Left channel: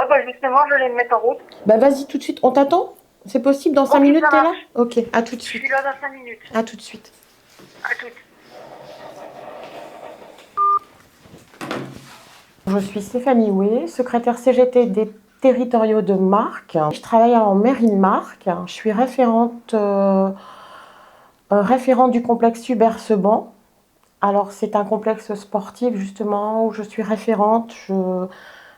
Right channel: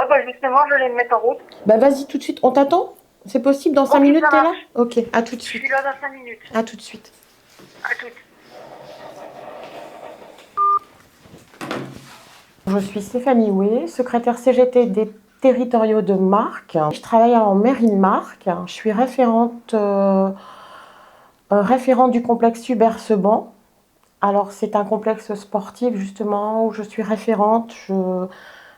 Ah bah justement, je vais me mettre en route. Bah vas-y tout de suite, on t'attend? C'est possible, dans 5 Ok, minutes ça t'es là? marche. Ok, à tout de Je suis suite. là dans 5 minutes. À tout de suite. À toutes. Je suis Stéphanie Houé, secrétaire CGT des territoriaux de Marc. Je travaille en mairie de Marc. Je suis référente du complexe Hubert Seban. Alors c'est un complexe sportif justement où je suis référente.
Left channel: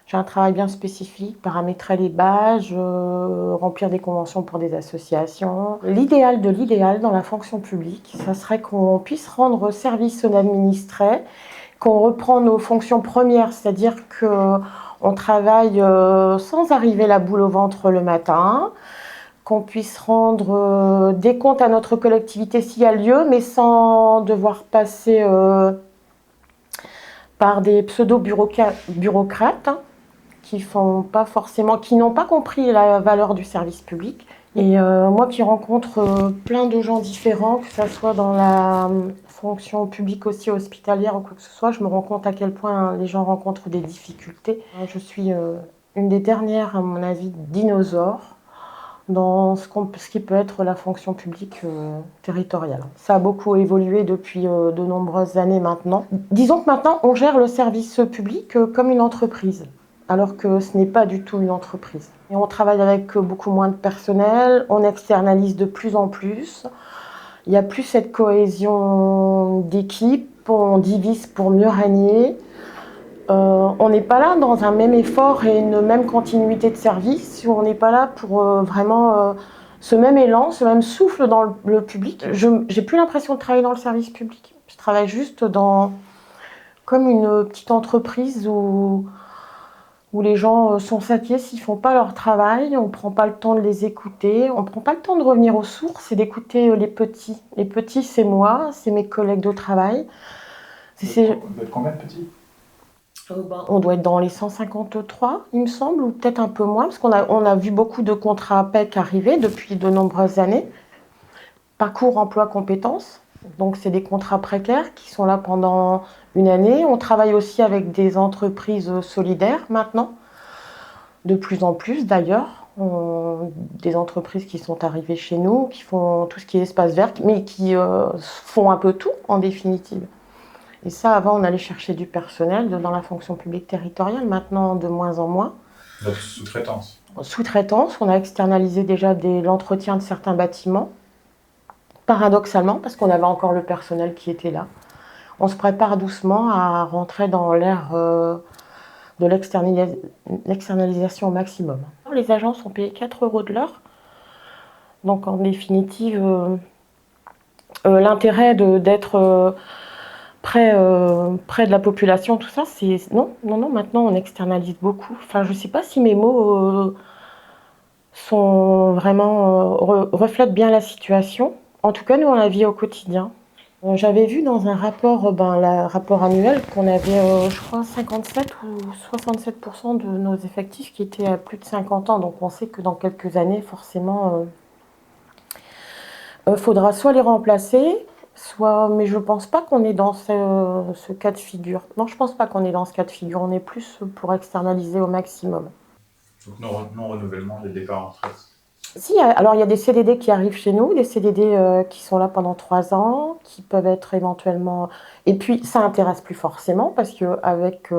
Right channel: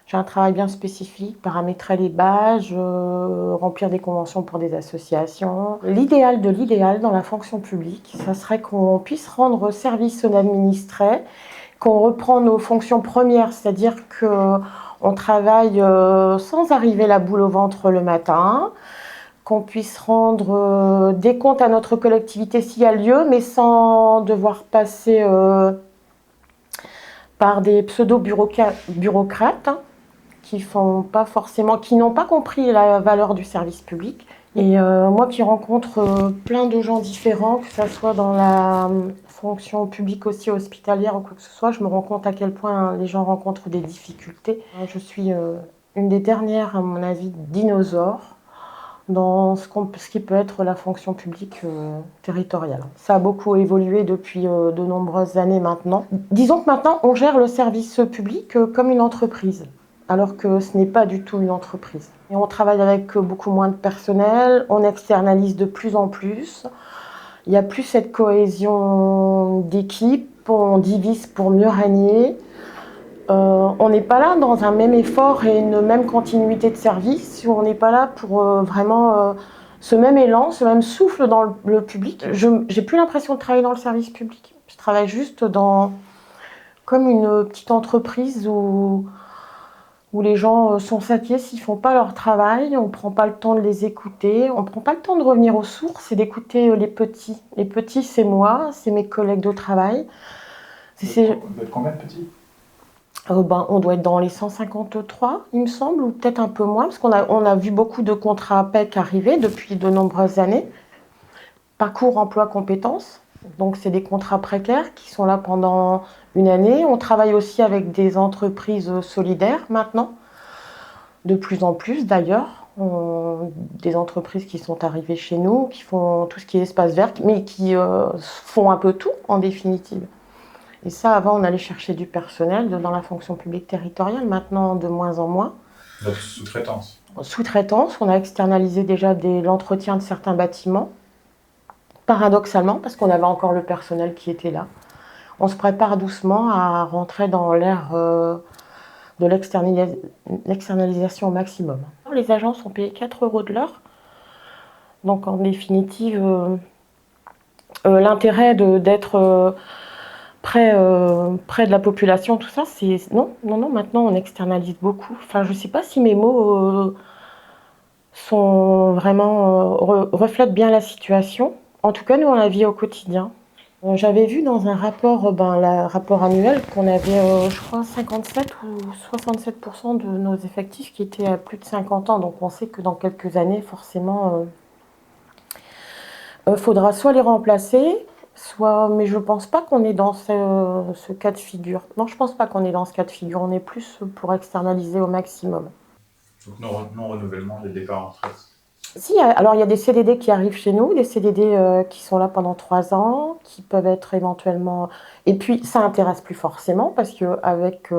J'ai un travail bien spécifique, paramétrer les badges, remplir des conventions pour des associations. L'idéal de l'idéal dans la fonction publique, ça serait qu'on puisse rendre service aux administrés, qu'on reprend nos fonctions premières, c'est-à-dire qu'on travaille sans arriver la boule au ventre le matin, qu'on puisse rendre des comptes à notre collectivité s'il y a lieu, mais sans devoir passer par des pseudo-bureaucrates qui font pas forcément, qui n'ont pas compris la valeur du service public. Et moi qui rencontre plein de gens différents, que ce soit dans la fonction publique aussi hospitalière ou quoi que ce soit, je me rends compte à quel point les gens rencontrent des difficultés. Je suis une des dernières, à mon avis, dinosaures dans ce qui peut être la fonction publique territoriale. Ça a beaucoup évolué depuis de nombreuses années maintenant. Disons que maintenant, on gère le service public comme une entreprise, alors que ce n'est pas du tout une entreprise. Et on travaille avec beaucoup moins de personnel, on externalise de plus en plus. Il n'y a plus cette cohésion d'équipe, on divise pour mieux régner. On n'est pas là dans un même effort et une même continuité de service, on n'est pas là pour vraiment ce même élan, ce même souffle dans le public. Je n'ai plus l'impression de travailler dans le service public. Je travaille juste comme une petite entreprise où les gens sont satisfaits s'ils ne font pas leur travail, on ne prend pas le temps de les écouter, on ne prend pas le temps de revenir aux sources et d'écouter les petits. Les petits, c'est moi, c'est mes collègues de travail. Vous êtes combien de petits? On doit être dans les 153, il me semble, ou peut-être un peu moins, parce on a vu beaucoup de contrats PEC arriver depuis de nombreuses années. Parcours emploi compétences, donc c'est des contrats précaires qui sont là pendant une année. On travaille aussi avec des entreprises solidaires maintenant, de plus en plus d'ailleurs. Des entreprises qui sont arrivées chez nous, qui font tout ce qui est espace vert, mais qui font un peu tout en définitive. Et ça, avant, on allait chercher du personnel dans la fonction publique territoriale, maintenant de moins en moins. Votre sous-traitance? Sous-traitance, on a externalisé déjà l'entretien de certains bâtiments, paradoxalement, parce qu'on avait encore le personnel qui était là. On se prépare doucement à rentrer dans l'ère de l'externalisation au maximum. Les agents sont payés 4 € de l'heure, donc en définitive, l'intérêt d'être près de la population, tout ça, c'est non, non, non. Maintenant, on externalise beaucoup. Enfin, je sais pas si mes mots sont vraiment reflètent bien la situation. En tout cas, nous, on la vit au quotidien. J'avais vu dans un rapport, le rapport annuel, qu'on avait, je crois, 57 ou 67% de nos effectifs qui étaient à plus de 50 ans. Donc, on sait que dans quelques années, forcément, faudra soit les remplacer, soit, mais je pense pas qu'on est dans ce cas de figure. Non, je pense pas qu'on est dans ce cas de figure. On est plus pour externaliser au maximum. Donc non-renouvellement des départs en retraite. Si, alors il y a des CDD qui arrivent chez nous, des CDD qui sont là pendant 3 ans, qui peuvent être éventuellement. Et puis ça intéresse plus forcément parce que avec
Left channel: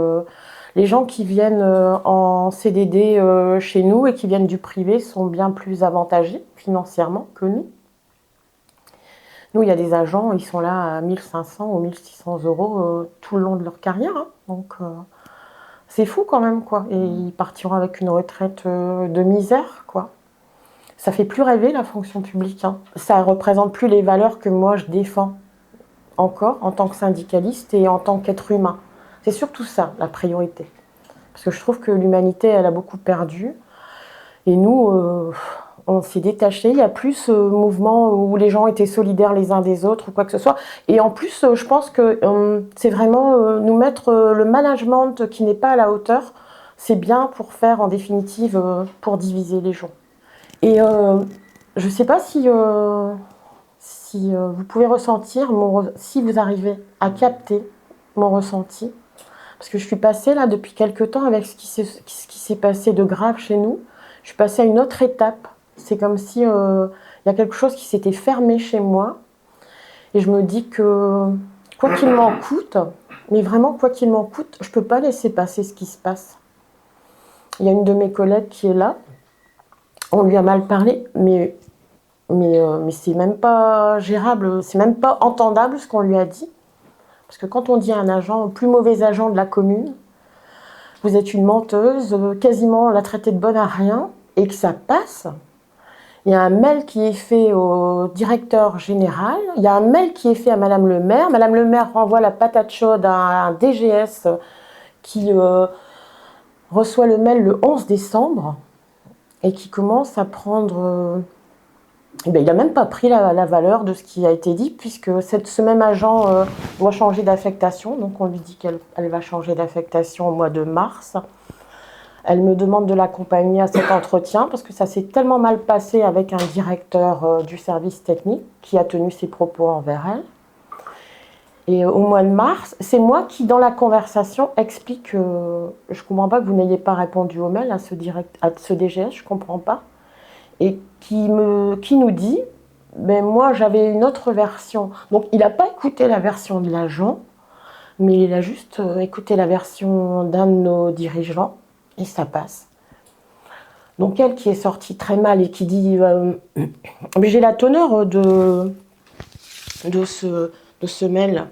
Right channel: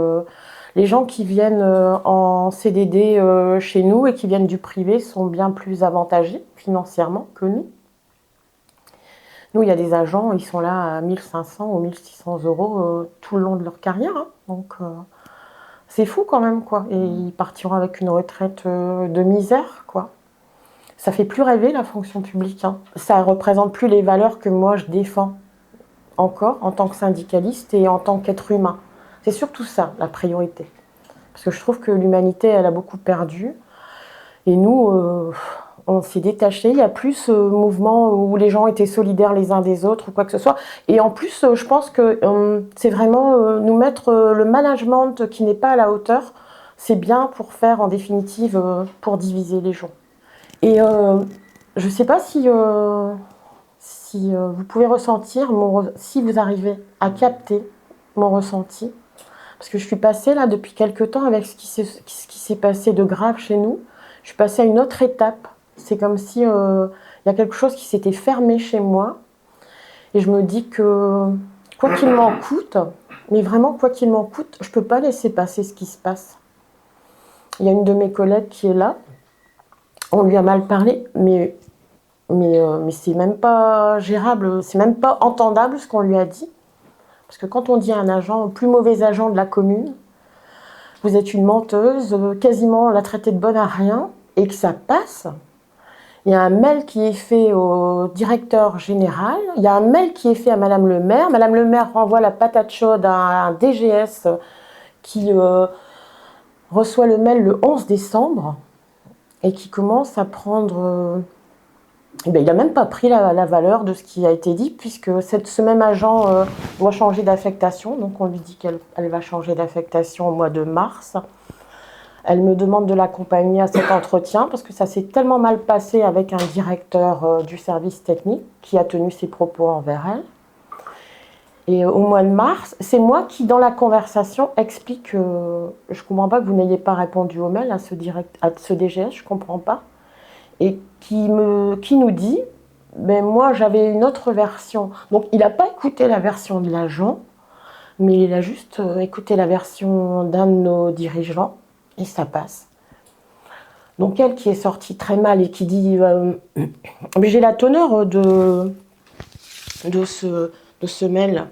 les gens qui viennent en CDD chez nous et qui viennent du privé sont bien plus avantagés financièrement que nous. Nous, il y a des agents, ils sont là à 1500 ou 1600 € tout le long de leur carrière. Hein. Donc, c'est fou quand même, quoi. Et ils partiront avec une retraite de misère, quoi. Ça fait plus rêver la fonction publique. Hein. Ça représente plus les valeurs que moi je défends encore en tant que syndicaliste et en tant qu'être humain. C'est surtout ça, la priorité. Parce que je trouve que l'humanité, elle a beaucoup perdu. Et nous, on s'est détaché. Il n'y a plus ce mouvement où les gens étaient solidaires les uns des autres ou quoi que ce soit. Et en plus, je pense que c'est vraiment nous mettre le management qui n'est pas à la hauteur. C'est bien pour faire, en définitive, pour diviser les gens. Et je ne sais pas si vous pouvez ressentir, si vous arrivez à capter mon ressenti. Parce que je suis passée là depuis quelque temps avec ce qui s'est passé de grave chez nous. Je suis passée à une autre étape. C'est comme si y a quelque chose qui s'était fermé chez moi. Et je me dis que quoi qu'il m'en coûte, mais vraiment quoi qu'il m'en coûte, je ne peux pas laisser passer ce qui se passe. Il y a une de mes collègues qui est là. On lui a mal parlé, mais c'est même pas gérable, c'est même pas entendable ce qu'on lui a dit. Parce que quand on dit à un agent, plus mauvais agent de la commune, vous êtes une menteuse, quasiment la traiter de bonne à rien, et que ça passe, il y a un mail qui est fait au directeur général, il y a un mail qui est fait à Madame le maire. Madame le maire renvoie la patate chaude à un DGS qui reçoit le mail le 11 décembre et qui commence à prendre... il n'a même pas pris la valeur de ce qui a été dit, puisque ce même agent doit changer d'affectation. Donc on lui dit qu'elle va changer d'affectation au mois de mars. Elle me demande de l'accompagner à cet entretien, parce que ça s'est tellement mal passé avec un directeur du service technique qui a tenu ses propos envers elle. Et au mois de mars, c'est moi qui, dans la conversation, explique je ne comprends pas que vous n'ayez pas répondu au mail à ce DGS, je ne comprends pas. Et qui nous dit, ben moi j'avais une autre version. Donc il n'a pas écouté la version de l'agent, mais il a juste écouté la version d'un de nos dirigeants, et ça passe. Donc elle qui est sortie très mal et qui dit, mais j'ai la teneur de ce mail.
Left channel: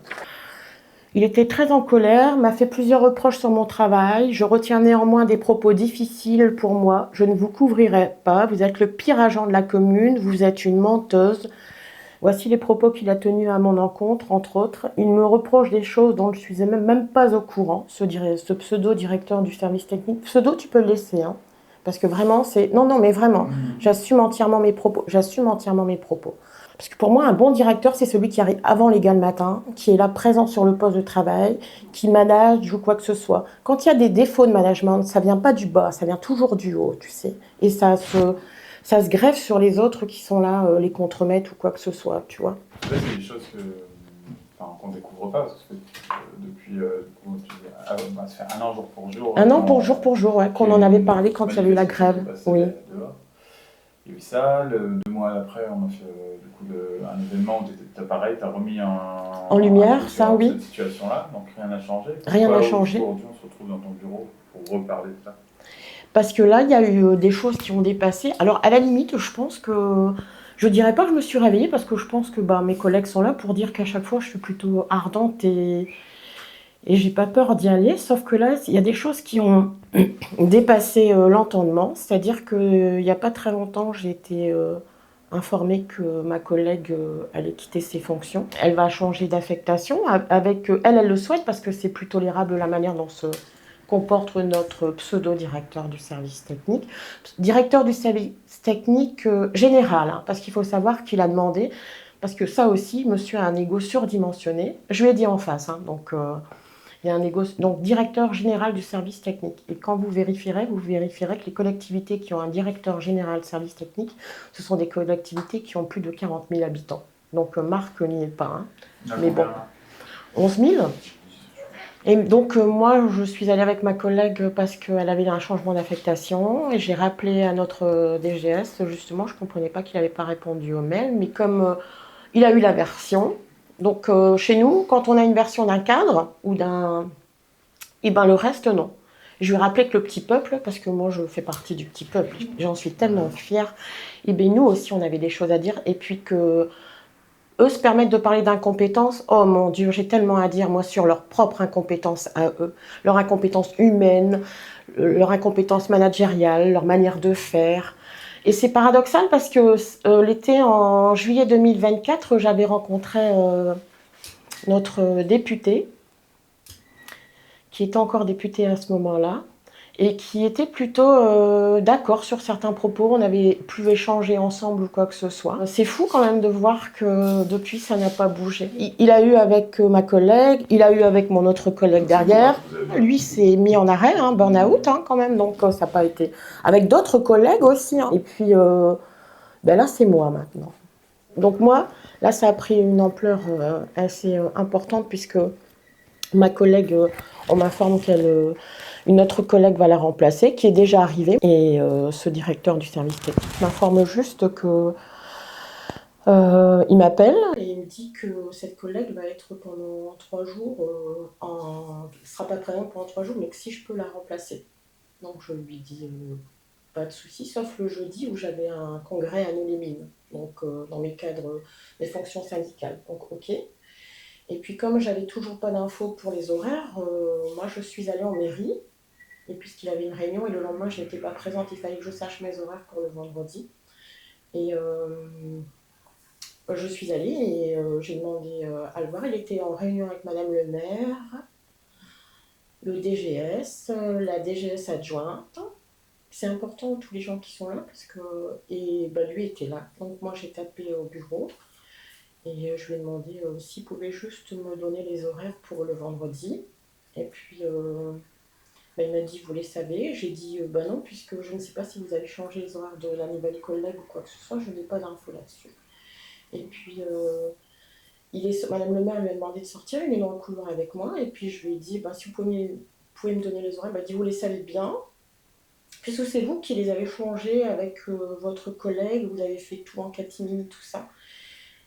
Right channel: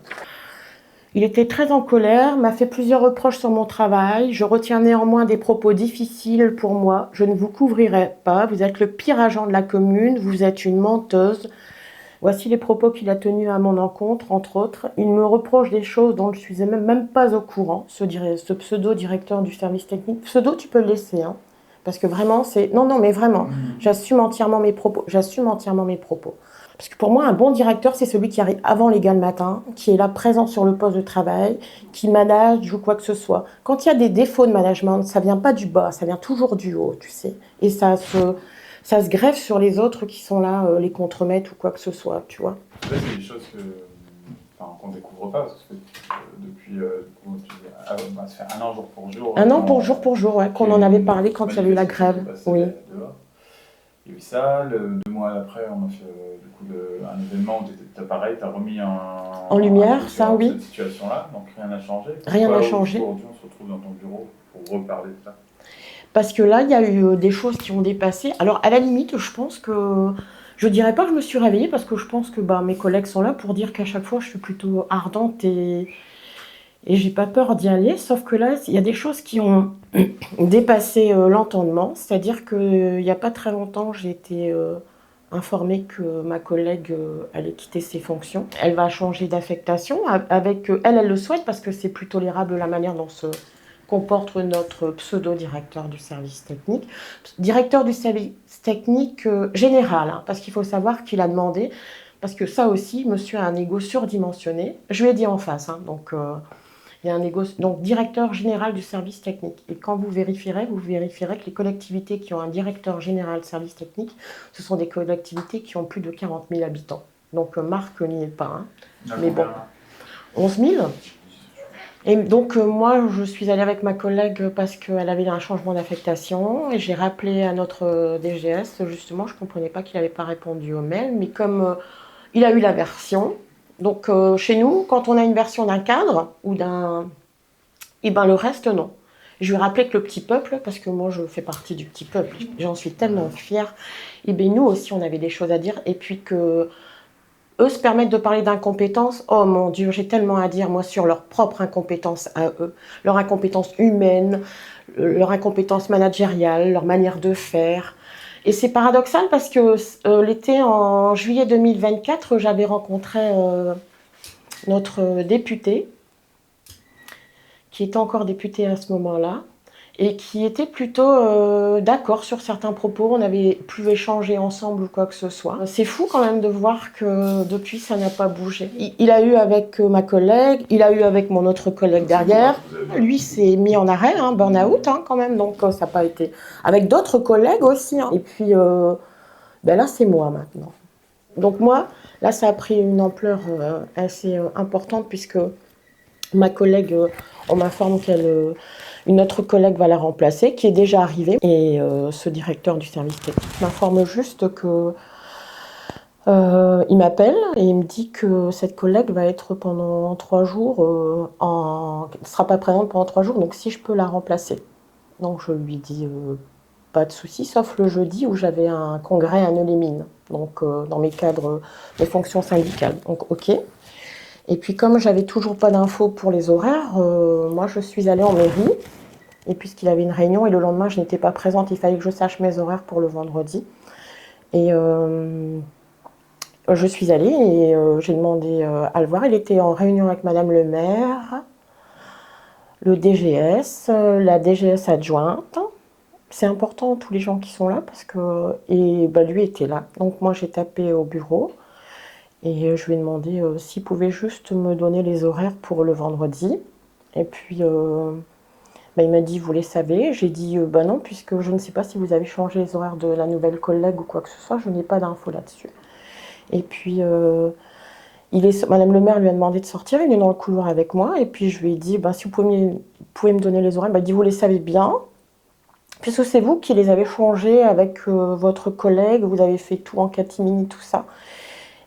Il était très en colère, m'a fait plusieurs reproches sur mon travail. Je retiens néanmoins des propos difficiles pour moi. Je ne vous couvrirai pas. Vous êtes le pire agent de la commune. Vous êtes une menteuse. Voici les propos qu'il a tenus à mon encontre, entre autres. Il me reproche des choses dont je ne suis même pas au courant, ce pseudo-directeur du service technique. Pseudo, tu peux le laisser, hein, parce que vraiment, c'est... Non, mais vraiment, j'assume entièrement mes propos. Parce que pour moi, un bon directeur, c'est celui qui arrive avant les gars le matin, qui est là présent sur le poste de travail, qui manage ou quoi que ce soit. Quand il y a des défauts de management, ça vient pas du bas, ça vient toujours du haut, tu sais. Et ça se greffe sur les autres qui sont là, les contremettre ou quoi que ce soit, tu vois. Là, c'est des choses qu'on ne découvre pas, parce que depuis, ça fait un an jour pour jour. Un an pour jour, ouais, qu'on en avait parlé quand il y avait eu la grève. Oui. Il y a eu ça, 2 mois après, on a fait un événement où tu as remis en lumière, ça, oui. Cette situation-là, donc rien n'a changé. Rien n'a changé. Aujourd'hui, on se retrouve dans ton bureau pour reparler de ça. Parce que là, il y a eu des choses qui ont dépassé. Alors, à la limite, je pense que... Je dirais pas que je me suis réveillée, parce que je pense que mes collègues sont là pour dire qu'à chaque fois, je suis plutôt ardente et j'ai pas peur d'y aller. Sauf que là, il y a des choses qui ont dépassé l'entendement. C'est-à-dire qu'il n'y a pas très longtemps, j'ai été informée que ma collègue allait quitter ses fonctions. Elle va changer d'affectation. Avec elle le souhaite, parce que c'est plus tolérable la manière dont se comporte notre pseudo-directeur du service technique. Directeur du service technique général, hein, parce qu'il faut savoir qu'il a demandé, parce que ça aussi, monsieur a un ego surdimensionné. Je lui ai dit en face, hein, donc il y a un ego, donc directeur général du service technique. Et quand vous vérifierez que les collectivités qui ont un directeur général service technique, ce sont des collectivités qui ont plus de 40 000 habitants. Donc Marc n'y est pas, hein. Mais bon, 11 000. Et donc moi, je suis allée avec ma collègue parce qu'elle avait un changement d'affectation et j'ai rappelé à notre DGS, justement, je ne comprenais pas qu'il n'avait pas répondu au mail, mais comme il a eu la version, donc chez nous, quand on a une version d'un cadre ou d'un... Eh ben le reste, non. Je lui ai rappelé que le petit peuple, parce que moi je fais partie du petit peuple, j'en suis tellement fière, et bien nous aussi on avait des choses à dire, et puis que... Eux se permettent de parler d'incompétence. Oh mon Dieu, j'ai tellement à dire, moi, sur leur propre incompétence à eux. Leur incompétence humaine, leur incompétence managériale, leur manière de faire. Et c'est paradoxal parce que l'été, en juillet 2024, j'avais rencontré notre député, qui était encore député à ce moment-là, et qui était plutôt d'accord sur certains propos. On avait pu échanger ensemble ou quoi que ce soit. C'est fou quand même de voir que depuis, ça n'a pas bougé. Il a eu avec ma collègue, il a eu avec mon autre collègue derrière. Lui s'est mis en arrêt, hein, burn-out quand même, donc ça n'a pas été... Avec d'autres collègues aussi. Hein. Et puis là, c'est moi maintenant. Donc moi, là, ça a pris une ampleur assez importante puisque Ma collègue, on m'informe une autre collègue va la remplacer, qui est déjà arrivée. Et ce directeur du service technique m'informe juste que il m'appelle et il me dit que cette collègue va être pendant 3 jours, elle ne sera pas présente pendant 3 jours, donc si je peux la remplacer. Donc je lui dis pas de souci, sauf le jeudi où j'avais un congrès à Neux-les-Mines, donc dans mes cadres, mes fonctions syndicales. Donc ok. Et puis comme j'avais toujours pas d'infos pour les horaires, moi je suis allée en mairie. Et puisqu'il avait une réunion et le lendemain je n'étais pas présente, il fallait que je sache mes horaires pour le vendredi. Et je suis allée et j'ai demandé à le voir. Il était en réunion avec Madame le maire, le DGS, la DGS adjointe. C'est important tous les gens qui sont là parce que lui était là. Donc moi j'ai tapé au bureau et je lui ai demandé s'il pouvait juste me donner les horaires pour le vendredi. Et puis il m'a dit vous les savez. J'ai dit non, puisque je ne sais pas si vous avez changé les horaires de la nouvelle collègue ou quoi que ce soit, je n'ai pas d'infos là-dessus. Et puis Madame le maire lui a demandé de sortir, il est dans le couloir avec moi, et puis je lui ai dit si vous pouvez me donner les horaires. Il dit vous les savez bien, puisque c'est vous qui les avez changés avec votre collègue, vous avez fait tout en catimini, tout ça.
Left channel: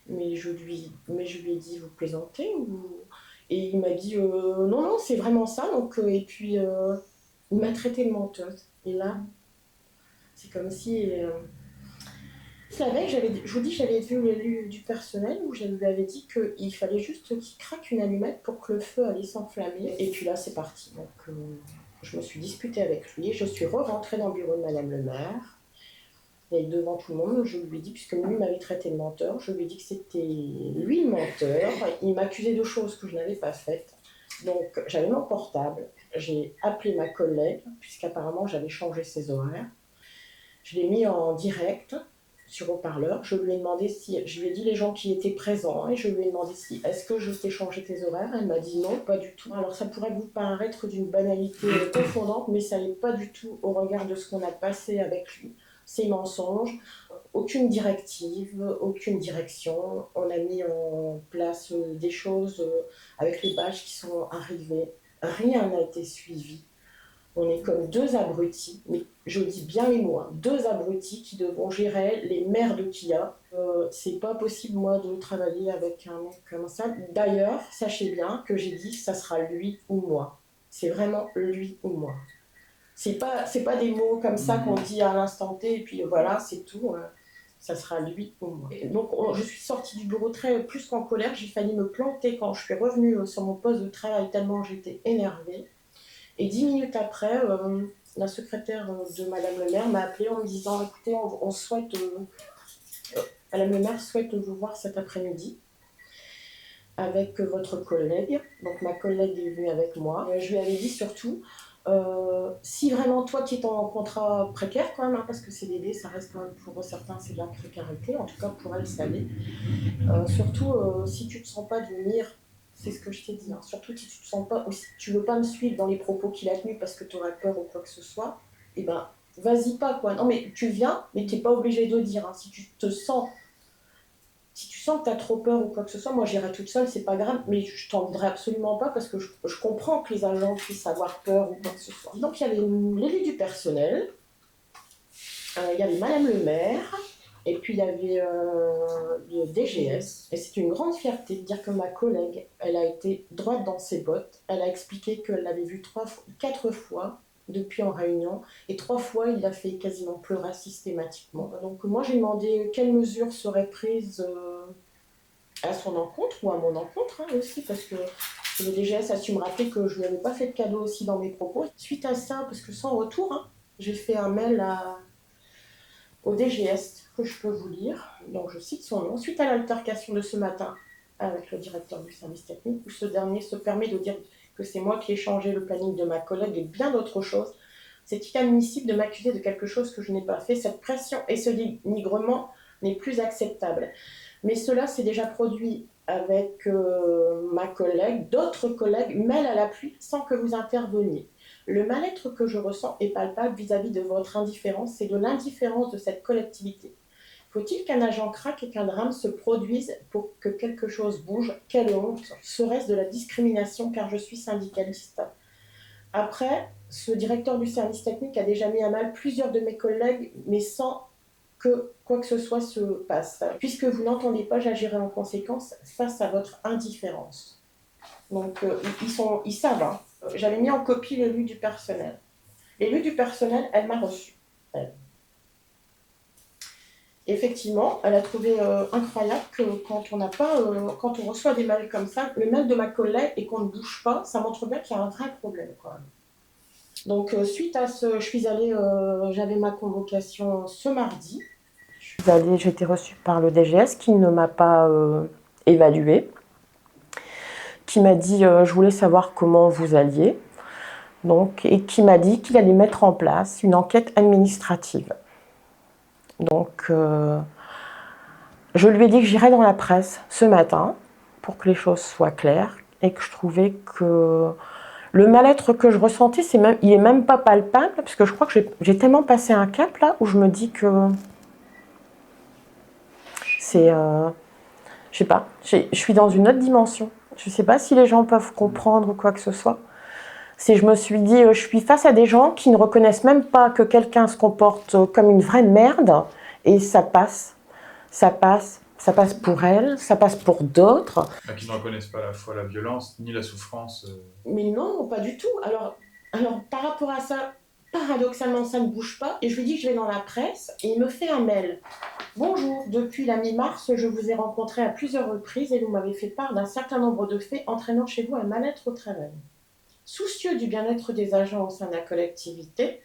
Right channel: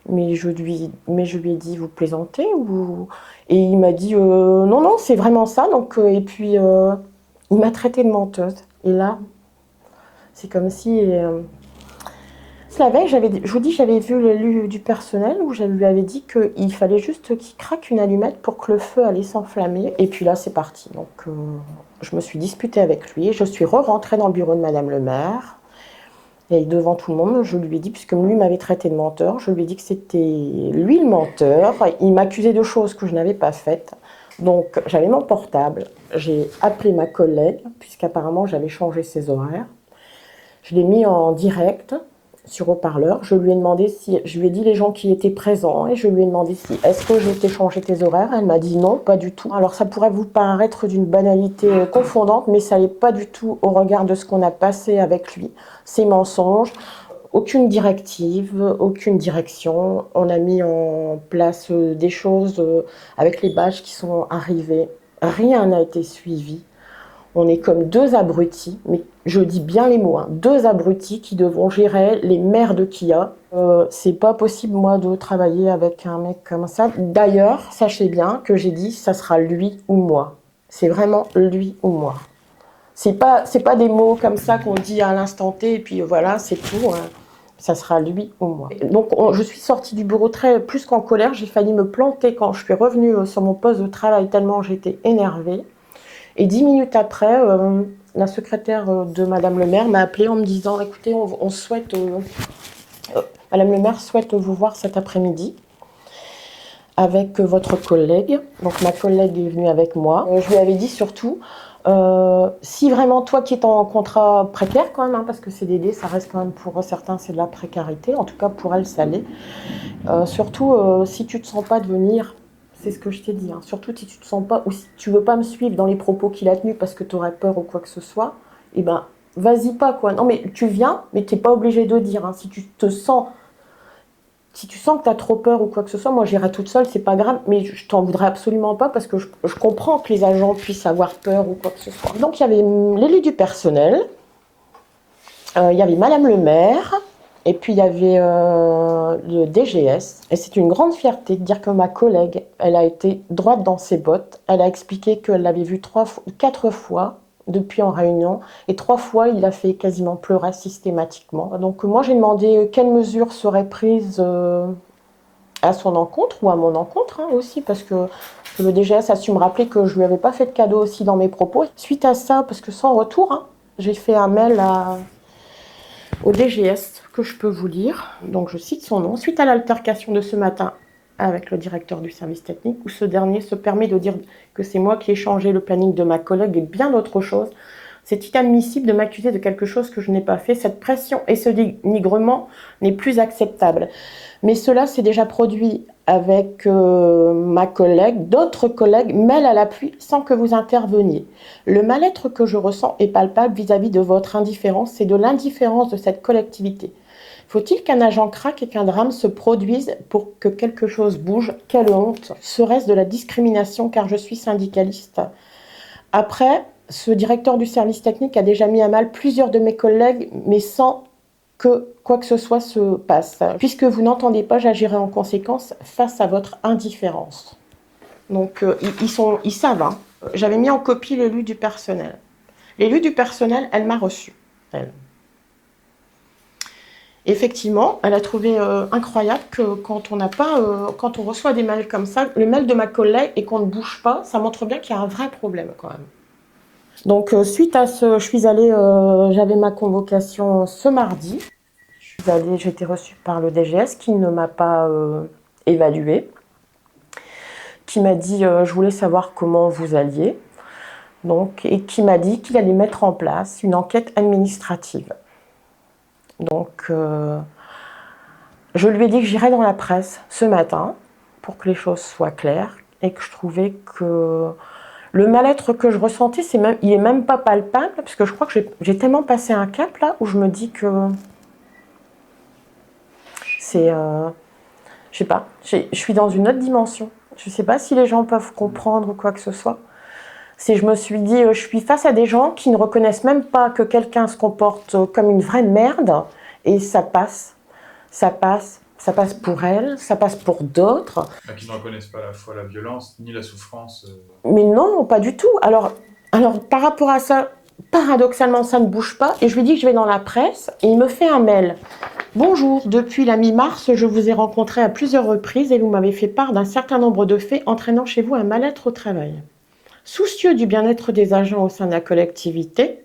Mais je lui ai dit vous plaisantez ou... Et il m'a dit non, c'est vraiment ça. Donc, et puis il m'a traité de menteuse. Et là, c'est comme si... La veille, je vous dis, j'avais vu l'élu du personnel où je lui avais dit qu'il fallait juste qu'il craque une allumette pour que le feu allait s'enflammer. Et puis là, c'est parti. Donc, je me suis disputée avec lui. Je suis re-rentrée dans le bureau de Madame le maire. Et devant tout le monde, je lui ai dit, puisque lui m'avait traité de menteur, je lui ai dit que c'était lui le menteur. Il m'accusait de choses que je n'avais pas faites. Donc, j'avais mon portable. J'ai appelé ma collègue, puisqu'apparemment, j'avais changé ses horaires. Je l'ai mis en direct sur haut-parleur. Je lui ai dit les gens qui étaient présents et je lui ai demandé si est-ce que j'ai été changer tes horaires. Elle m'a dit non, pas du tout. Alors ça pourrait vous paraître d'une banalité confondante, mais ça n'est pas du tout au regard de ce qu'on a passé avec lui. Ces mensonges, aucune directive, aucune direction. On a mis en place des choses avec les badges qui sont arrivés. Rien n'a été suivi. On est comme deux abrutis, mais je dis bien les mots, deux abrutis qui devront gérer les merdes qu'il y a. C'est pas possible, moi, de travailler avec un mec comme ça. D'ailleurs, sachez bien que j'ai dit, ça sera lui ou moi. C'est vraiment lui ou moi. C'est pas des mots comme ça qu'on dit à l'instant T, et puis voilà, c'est tout. Ça sera lui ou moi. Donc, je suis sortie du bureau plus qu'en colère. J'ai failli me planter quand je suis revenue sur mon poste de travail, tellement j'étais énervée. Et 10 minutes après, la secrétaire de Madame le maire m'a appelée en me disant écoutez, on souhaite, Madame le maire souhaite vous voir cet après-midi avec votre collègue. Donc ma collègue est venue avec moi. Je lui avais dit surtout si vraiment toi qui es en contrat précaire quand même, parce que CDD ça reste quand même pour certains c'est de la précarité, en tout cas pour elle ça l'est. Surtout si tu ne te sens pas de venir. C'est ce que je t'ai dit. Surtout si tu te sens pas, ou si tu veux pas me suivre dans les propos qu'il a tenus parce que tu aurais peur ou quoi que ce soit, vas-y pas quoi. Non mais tu viens, mais t'es pas obligé de dire. Si tu sens que tu as trop peur ou quoi que ce soit, moi j'irai toute seule, c'est pas grave, mais je t'en voudrais absolument pas parce que je comprends que les agents puissent avoir peur ou quoi que ce soit. Donc il y avait l'élu du personnel, il y avait Madame le maire. Et puis il y avait le DGS. Et c'est une grande fierté de dire que ma collègue, elle a été droite dans ses bottes. Elle a expliqué qu'elle l'avait vu 4 fois depuis en réunion. Et 3 fois, il a fait quasiment pleurer systématiquement. Donc moi, j'ai demandé quelles mesures seraient prises à son encontre ou à mon encontre aussi. Parce que le DGS a su me rappeler que je lui avais pas fait de cadeau aussi dans mes propos. Suite à ça, parce que sans retour, j'ai fait un mail au DGS que je peux vous lire. Donc je cite son nom. Suite à l'altercation de ce matin avec le directeur du service technique, où ce dernier se permet de dire que c'est moi qui ai changé le planning de ma collègue et bien d'autres choses, c'est inadmissible de m'accuser de quelque chose que je n'ai pas fait. Cette pression et ce dénigrement n'est plus acceptable. Mais cela s'est déjà produit avec ma collègue, d'autres collègues mêlent à l'appui sans que vous interveniez. Le mal-être que je ressens est palpable vis-à-vis de votre indifférence et de l'indifférence de cette collectivité. Il Faut-il qu'un agent craque et qu'un drame se produise pour que quelque chose bouge? Quelle honte! Serait-ce de la discrimination car je suis syndicaliste? Après, ce directeur du service technique a déjà mis à mal plusieurs de mes collègues, mais sans que quoi que ce soit se passe. Puisque vous n'entendez pas, j'agirai en conséquence face à votre indifférence. Donc, ils savent. Hein. J'avais mis en copie l'élu du personnel. L'élu du personnel, elle m'a reçue. Elle. Effectivement, elle a trouvé incroyable que quand on reçoit des mails comme ça, le mail de ma collègue et qu'on ne bouge pas, ça montre bien qu'il y a un vrai problème quand même. Donc suite à ce, je suis allée, j'avais ma convocation ce mardi. J'ai été reçue par le DGS qui ne m'a pas évaluée, qui m'a dit je voulais savoir comment vous alliez, donc, et qui m'a dit qu'il allait mettre en place une enquête administrative. Donc je lui ai dit que j'irais dans la presse ce matin pour que les choses soient claires et que je trouvais que le mal-être que je ressentais, il n'est même pas palpable parce que je crois que j'ai tellement passé un cap là où je me dis que c'est, je sais pas, je suis dans une autre dimension. Je sais pas si les gens peuvent comprendre ou quoi que ce soit. Je me suis dit, je suis face à des gens qui ne reconnaissent même pas que quelqu'un se comporte comme une vraie merde et ça passe pour elle, ça passe pour d'autres. Qui ne reconnaissent pas à la fois la violence ni la souffrance. Mais non, pas du tout. Alors, par rapport à ça, paradoxalement, ça ne bouge pas. Et je lui dis que je vais dans la presse et il me fait un mail. Bonjour, depuis la mi-mars, je vous ai rencontré à plusieurs reprises et vous m'avez fait part d'un certain nombre de faits entraînant chez vous un mal-être au travail. Soucieux du bien-être des agents au sein de la collectivité,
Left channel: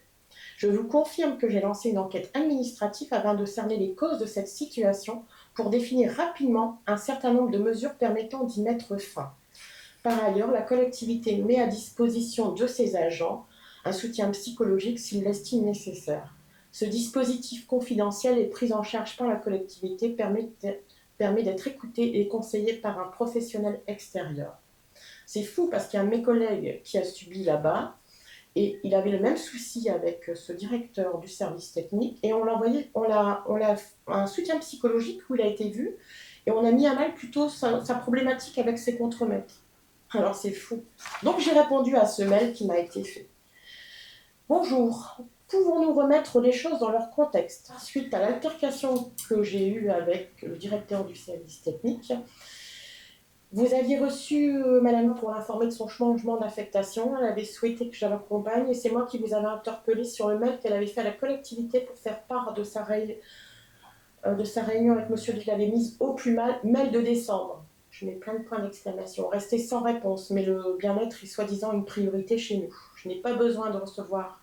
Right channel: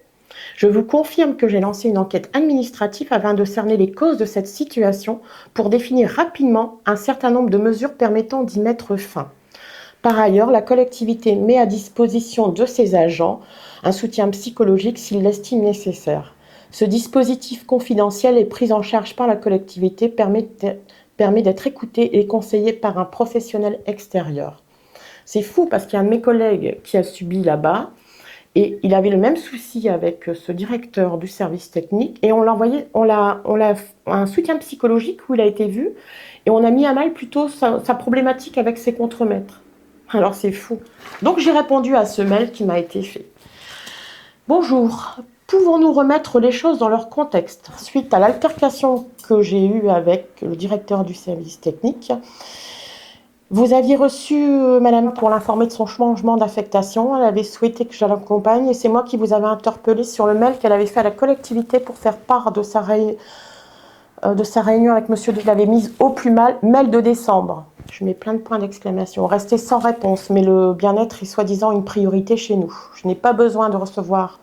je vous confirme que j'ai lancé une enquête administrative afin de cerner les causes de cette situation pour définir rapidement un certain nombre de mesures permettant d'y mettre fin. Par ailleurs, la collectivité met à disposition de ses agents un soutien psychologique s'il l'estime nécessaire. Ce dispositif confidentiel et pris en charge par la collectivité permet d'être écouté et conseillé par un professionnel extérieur. C'est fou parce qu'il y a un de mes collègues qui a subi là-bas et il avait le même souci avec ce directeur du service technique et on l'a un soutien psychologique où il a été vu et on a mis à mal plutôt sa problématique avec ses contremaîtres. Alors c'est fou. Donc j'ai répondu à ce mail qui m'a été fait. Bonjour, pouvons-nous remettre les choses dans leur contexte? Suite à l'altercation que j'ai eue avec le directeur du service technique, vous aviez reçu madame pour l'informer de son changement d'affectation. Elle avait souhaité que je l'accompagne et c'est moi qui vous avais interpellé sur le mail qu'elle avait fait à la collectivité pour faire part de sa réunion avec monsieur. Je l'avais mise au plus mal, mail de décembre. Je mets plein de points d'exclamation. Restez sans réponse, mais le bien-être est soi-disant une priorité chez nous. Je n'ai pas besoin de recevoir,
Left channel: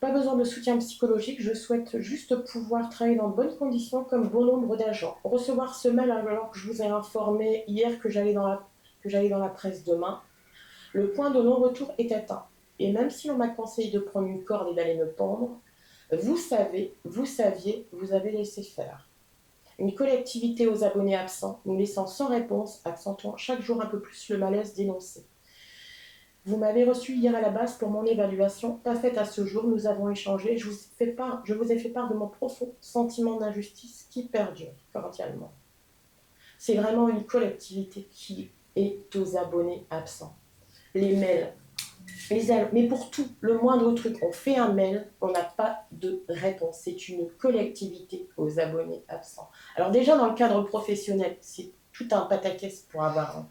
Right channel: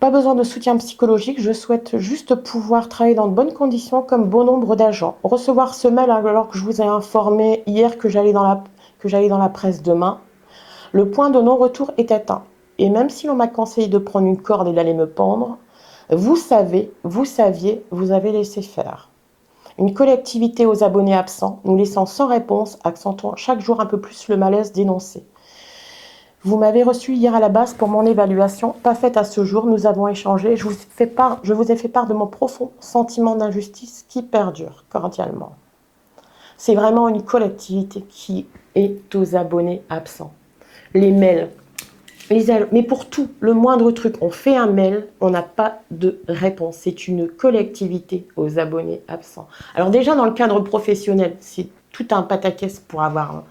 pas besoin de soutien psychologique. Je souhaite juste pouvoir travailler dans de bonnes conditions comme bon nombre d'agents. Recevoir ce mail alors que je vous ai informé hier que j'allais dans la presse demain. Le point de non-retour est atteint. Et même si l'on m'a conseillé de prendre une corde et d'aller me pendre, vous saviez, vous avez laissé faire. Une collectivité aux abonnés absents, nous laissant sans réponse, accentuant chaque jour un peu plus le malaise dénoncé. Vous m'avez reçu hier à la base pour mon évaluation, pas faite à ce jour, nous avons échangé, je vous ai fait part de mon profond sentiment d'injustice qui perdure cordialement. C'est vraiment une collectivité qui est aux abonnés absents. Les mails, mais pour tout, le moindre truc, on fait un mail, on n'a pas de réponse. C'est une collectivité aux abonnés absents. Alors déjà, dans le cadre professionnel, c'est tout un pataquès pour avoir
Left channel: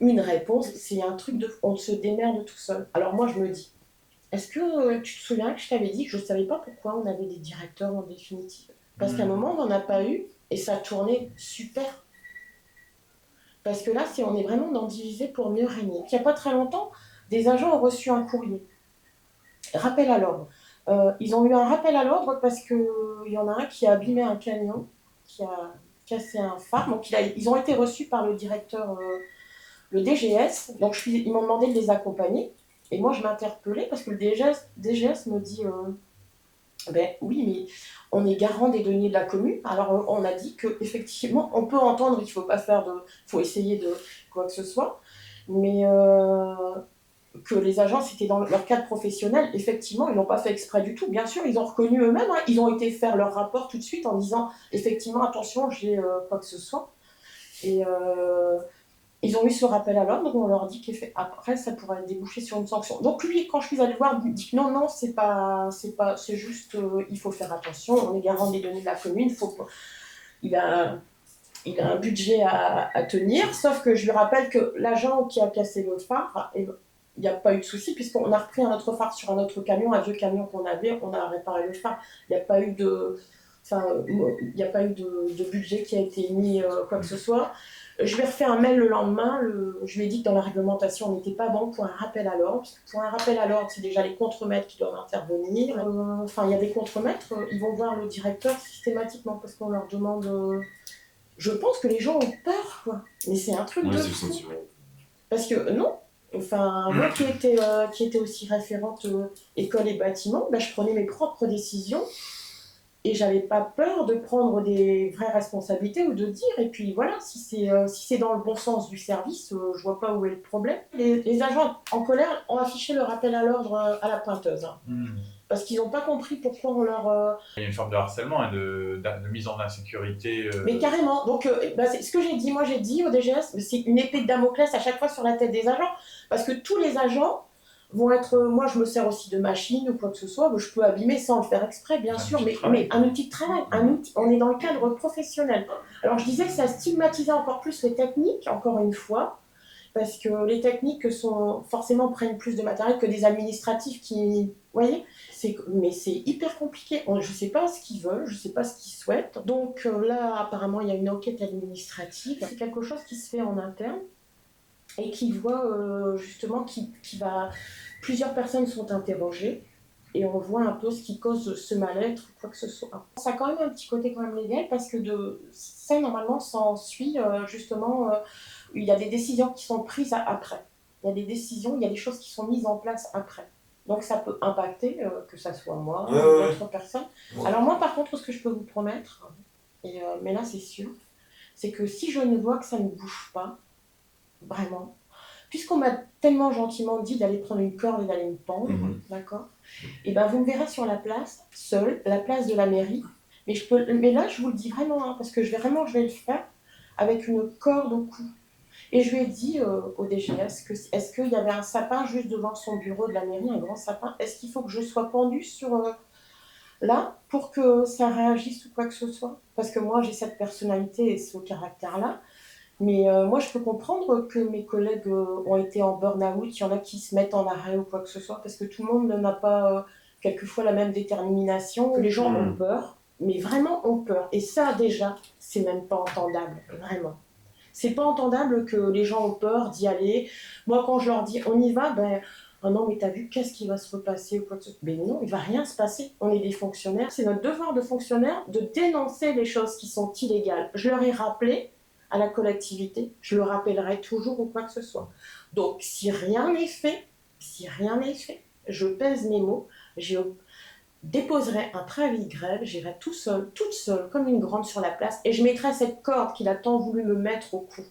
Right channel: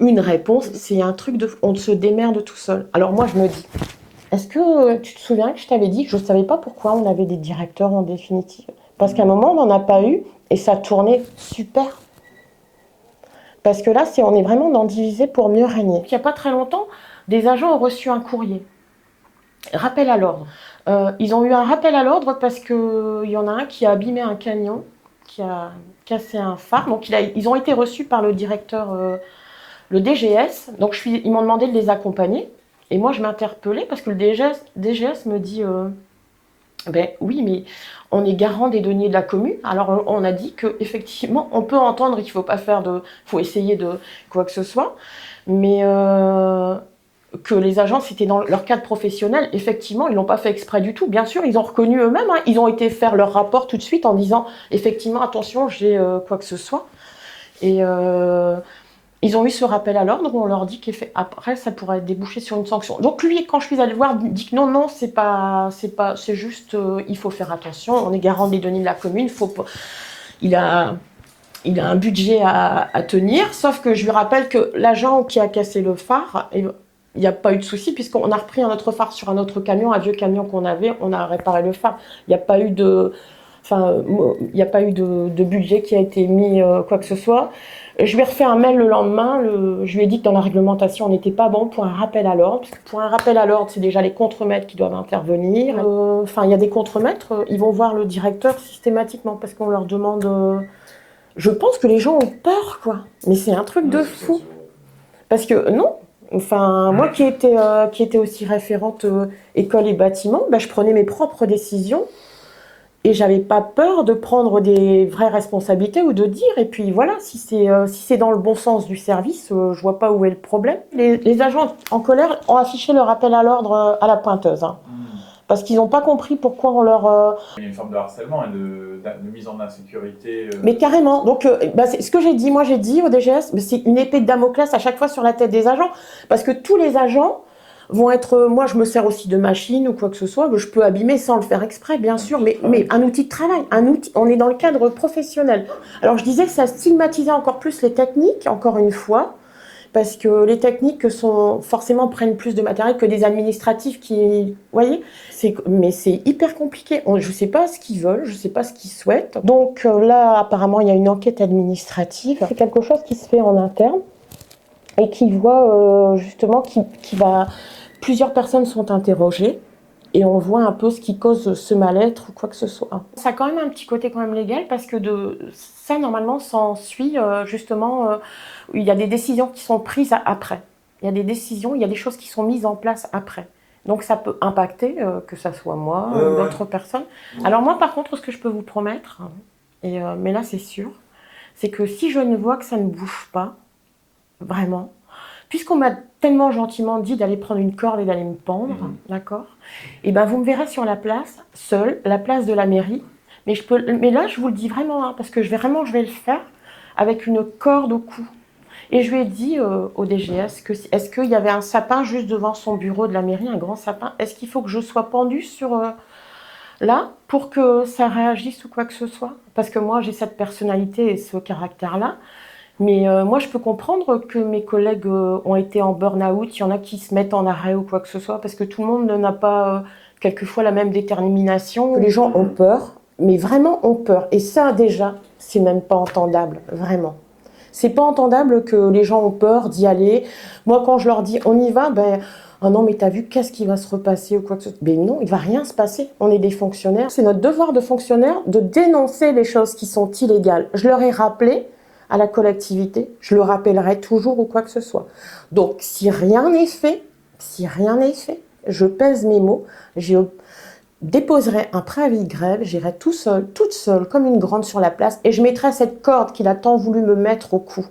une réponse. C'est un truc on se démerde tout seul. Alors moi, je me dis, est-ce que tu te souviens que je t'avais dit que je ne savais pas pourquoi on avait des directeurs en définitive? Parce qu'à un moment, on n'en a pas eu et ça tournait super. Parce que là, on est vraiment dans diviser pour mieux régner. Il n'y a pas très longtemps, des agents ont reçu un courrier. Rappel à l'ordre. Ils ont eu un rappel à l'ordre parce qu'il y en a un qui a abîmé un camion, qui a cassé un phare. Donc ils ont été reçus par le directeur, le DGS. Donc ils m'ont demandé de les accompagner. Et moi, je m'interpellais parce que le DGS me dit ben oui, mais on est garant des deniers de la commune. Alors on a dit qu'effectivement, on peut entendre qu'il ne faut pas faut essayer de quoi que ce soit. Mais que les agents, c'était dans leur cadre professionnel. Effectivement, ils l'ont pas fait exprès du tout. Bien sûr, ils ont reconnu eux-mêmes. Hein. Ils ont été faire leur rapport tout de suite en disant, effectivement, attention, j'ai quoi que ce soit. Et ils ont eu ce rappel à l'ordre où on leur dit qu'après, ça pourrait déboucher sur une sanction. Donc lui, quand je suis allée le voir, il dit que non, c'est juste, il faut faire attention. On est garant des données de la commune. Il a un budget à tenir, sauf que je lui rappelle que l'agent qui a cassé le phare, il n'y a pas eu de souci, puisqu'on a repris un autre phare sur un autre camion, un vieux camion qu'on avait, on a réparé le phare. Il n'y a pas eu de budget qui a été mis, quoi que ce soit. Je lui ai refait un mail le lendemain, je lui ai dit que dans la réglementation, on n'était pas bon pour un rappel à l'ordre, parce que pour un rappel à l'ordre, c'est déjà les contremaîtres qui doivent intervenir. Il y a des contremaîtres, ils vont voir le directeur systématiquement, parce qu'on leur demande... Je pense que les gens ont peur, quoi. Mais c'est un truc de fou. Parce que non, moi qui étais aussi référente école et bâtiment, je prenais mes propres décisions et j'avais pas peur de prendre des vraies responsabilités ou de dire. Et puis voilà, si c'est dans le bon sens du service, je vois pas où est le problème. Les agents en colère ont affiché leur appel à l'ordre à la pointeuse. Hein. Parce qu'ils n'ont pas compris pourquoi on leur... Il y a une forme de harcèlement et de mise en insécurité. Mais carrément. Donc, c'est ce que j'ai dit. Moi, j'ai dit au DGS, c'est une épée de Damoclès à chaque fois sur la tête des agents. Parce que tous les agents vont être... moi, je me sers aussi de machine ou quoi que ce soit. Je peux abîmer sans le faire exprès, bien sûr. Mais un outil de travail. On est dans le cadre professionnel. Alors, je disais que ça stigmatisait encore plus les techniques, encore une fois. Parce que les techniques forcément prennent plus de matériel que des administratifs qui... Vous voyez ? Mais c'est hyper compliqué. Je ne sais pas ce qu'ils veulent, je ne sais pas ce qu'ils souhaitent. Donc là, apparemment, il y a une enquête administrative. C'est quelque chose qui se fait en interne et qui voit justement plusieurs personnes sont interrogées et on voit un peu ce qui cause ce mal-être ou quoi que ce soit. Ça a quand même un petit côté quand même légal parce que ça, normalement, s'ensuit justement... il y a des décisions qui sont prises après. Il y a des décisions, il y a des choses qui sont mises en place après. Donc ça peut impacter, que ça soit moi ou d'autres personnes. Alors moi, par contre, ce que je peux vous promettre, mais là c'est sûr, c'est que si je ne vois que ça ne bouge pas, vraiment, puisqu'on m'a tellement gentiment dit d'aller prendre une corde et d'aller me pendre, d'accord ? Et vous me verrez sur la place, seule, la place de la mairie, mais là je vous le dis vraiment, parce que je vais le faire avec une corde au cou. Et je lui ai dit au DGS est-ce qu'il y avait un sapin juste devant son bureau de la mairie, un grand sapin ? Est-ce qu'il faut que je sois pendue là pour que ça réagisse ou quoi que ce soit ? Parce que moi, j'ai cette personnalité et ce caractère-là. Mais moi, je peux comprendre que mes collègues ont été en burn-out. Il y en a qui se mettent en arrêt ou quoi que ce soit parce que tout le monde n'a pas quelquefois la même détermination. Les gens ont peur, mais vraiment ont peur. Et ça, déjà, c'est même pas entendable, vraiment. C'est pas entendable que les gens ont peur d'y aller. Moi, quand je leur dis on y va, oh non, mais t'as vu, qu'est-ce qui va se repasser ou quoi que ce soit ? Ben non, il va rien se passer. On est des fonctionnaires. C'est notre devoir de fonctionnaire de dénoncer les choses qui sont illégales. Je leur ai rappelé à la collectivité, je le rappellerai toujours ou quoi que ce soit. Donc, si rien n'est fait, je pèse mes mots, je déposerai un préavis de grève, j'irai toute seule, comme une grande sur la place, et je mettrai cette corde qu'il a tant voulu me mettre au cou.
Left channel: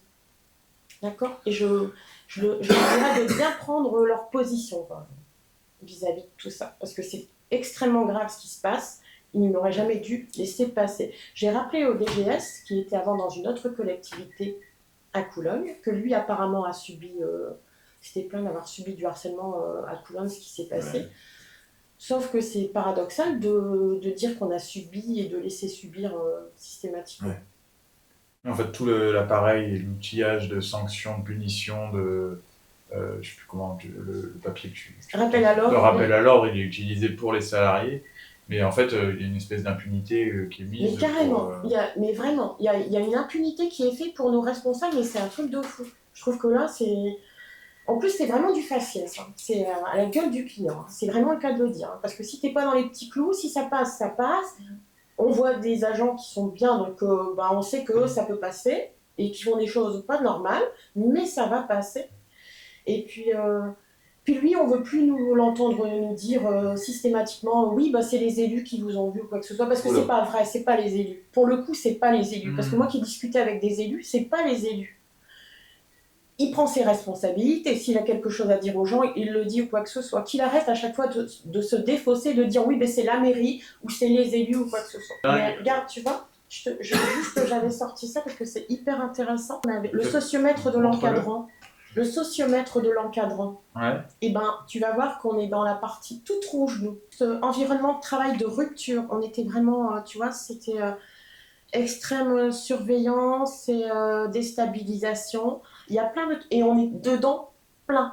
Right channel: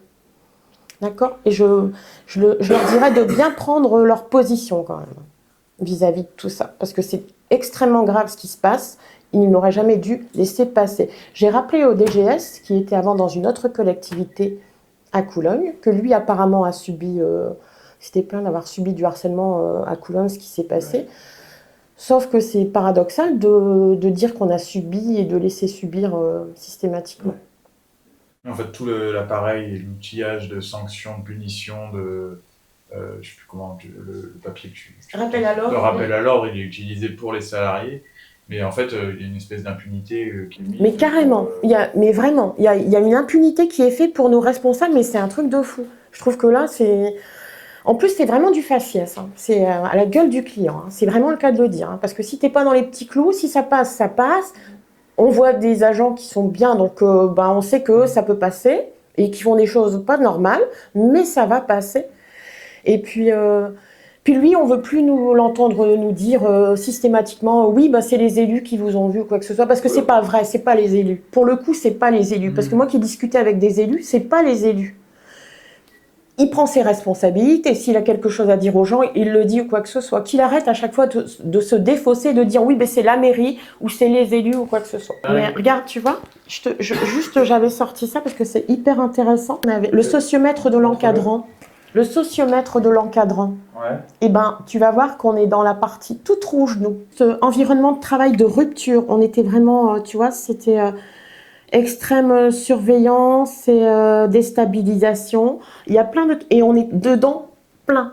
D'accord ? Et je leur dirai de bien prendre leur position quand même, vis-à-vis de tout ça. Parce que c'est extrêmement grave ce qui se passe, ils n'auraient jamais dû laisser passer. J'ai rappelé au DGS, qui était avant dans une autre collectivité à Coulogne, que lui apparemment a subi, s'était plaint d'avoir subi du harcèlement à Coulogne, ce qui s'est passé. Ouais. Sauf que c'est paradoxal de dire qu'on a subi et de laisser subir systématiquement. Ouais. En fait, tout l'appareil et l'outillage de sanctions, de punitions, je ne sais plus comment, le papier que tu rappel à l'ordre. Le rappel à l'ordre, il est utilisé pour les salariés. Mais en fait, il y a une espèce d'impunité qui est mise. Mais carrément, mais vraiment, il y a une impunité qui est faite pour nos responsables, mais c'est un truc de fou. Je trouve que là, c'est... En plus, c'est vraiment du faciès. Hein. C'est à la gueule du client. Hein. C'est vraiment le cas de le dire. Hein. Parce que si t'es pas dans les petits clous, si ça passe, ça passe. On voit des agents qui sont bien, donc on sait que ça peut passer et qui font des choses pas normales, mais ça va passer. Et puis lui, on veut plus l'entendre nous dire systématiquement oui, c'est les élus qui vous ont vu ou quoi que ce soit, parce que c'est pas vrai, c'est pas les élus. Pour le coup, c'est pas les élus. Parce que moi qui discutais avec des élus, c'est pas les élus. il prend ses responsabilités. S'il a quelque chose à dire aux gens, il le dit ou quoi que ce soit. Qu'il arrête à chaque fois de se défausser, de dire oui, mais c'est la mairie ou c'est les élus ou quoi que ce soit. Ouais. Mais regarde, tu vois, juste j'avais sorti ça parce que c'est hyper intéressant. On avait le sociomètre de l'encadrant. Le sociomètre de l'encadrant. Ouais. Eh ben, tu vas voir qu'on est dans la partie toute rouge, nous. Ce environnement de travail de rupture, on était vraiment, tu vois, c'était extrême surveillance et déstabilisation. Il y a plein de... Et on est dedans plein.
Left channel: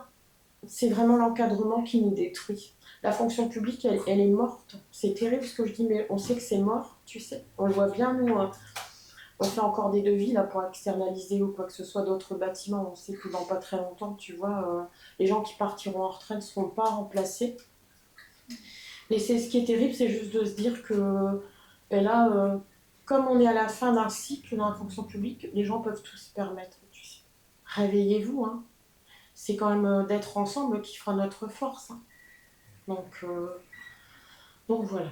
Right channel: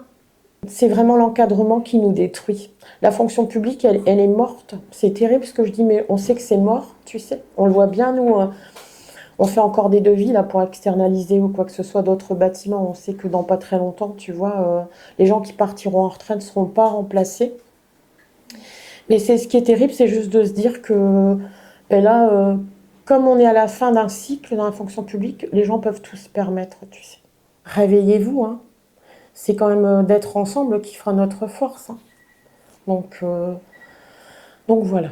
C'est vraiment l'encadrement qui nous détruit. La fonction publique, elle est morte. C'est terrible ce que je dis, mais on sait que c'est mort, tu sais. On le voit bien, nous. On fait encore des devis là, pour externaliser ou quoi que ce soit d'autres bâtiments. On sait que dans pas très longtemps, tu vois, les gens qui partiront en retraite ne seront pas remplacés. Mais c'est ce qui est terrible, c'est juste de se dire que ben là, comme on est à la fin d'un cycle dans la fonction publique, les gens peuvent tout se permettre, tu sais. Réveillez-vous, hein. C'est quand même d'être ensemble qui fera notre force, hein. Donc voilà.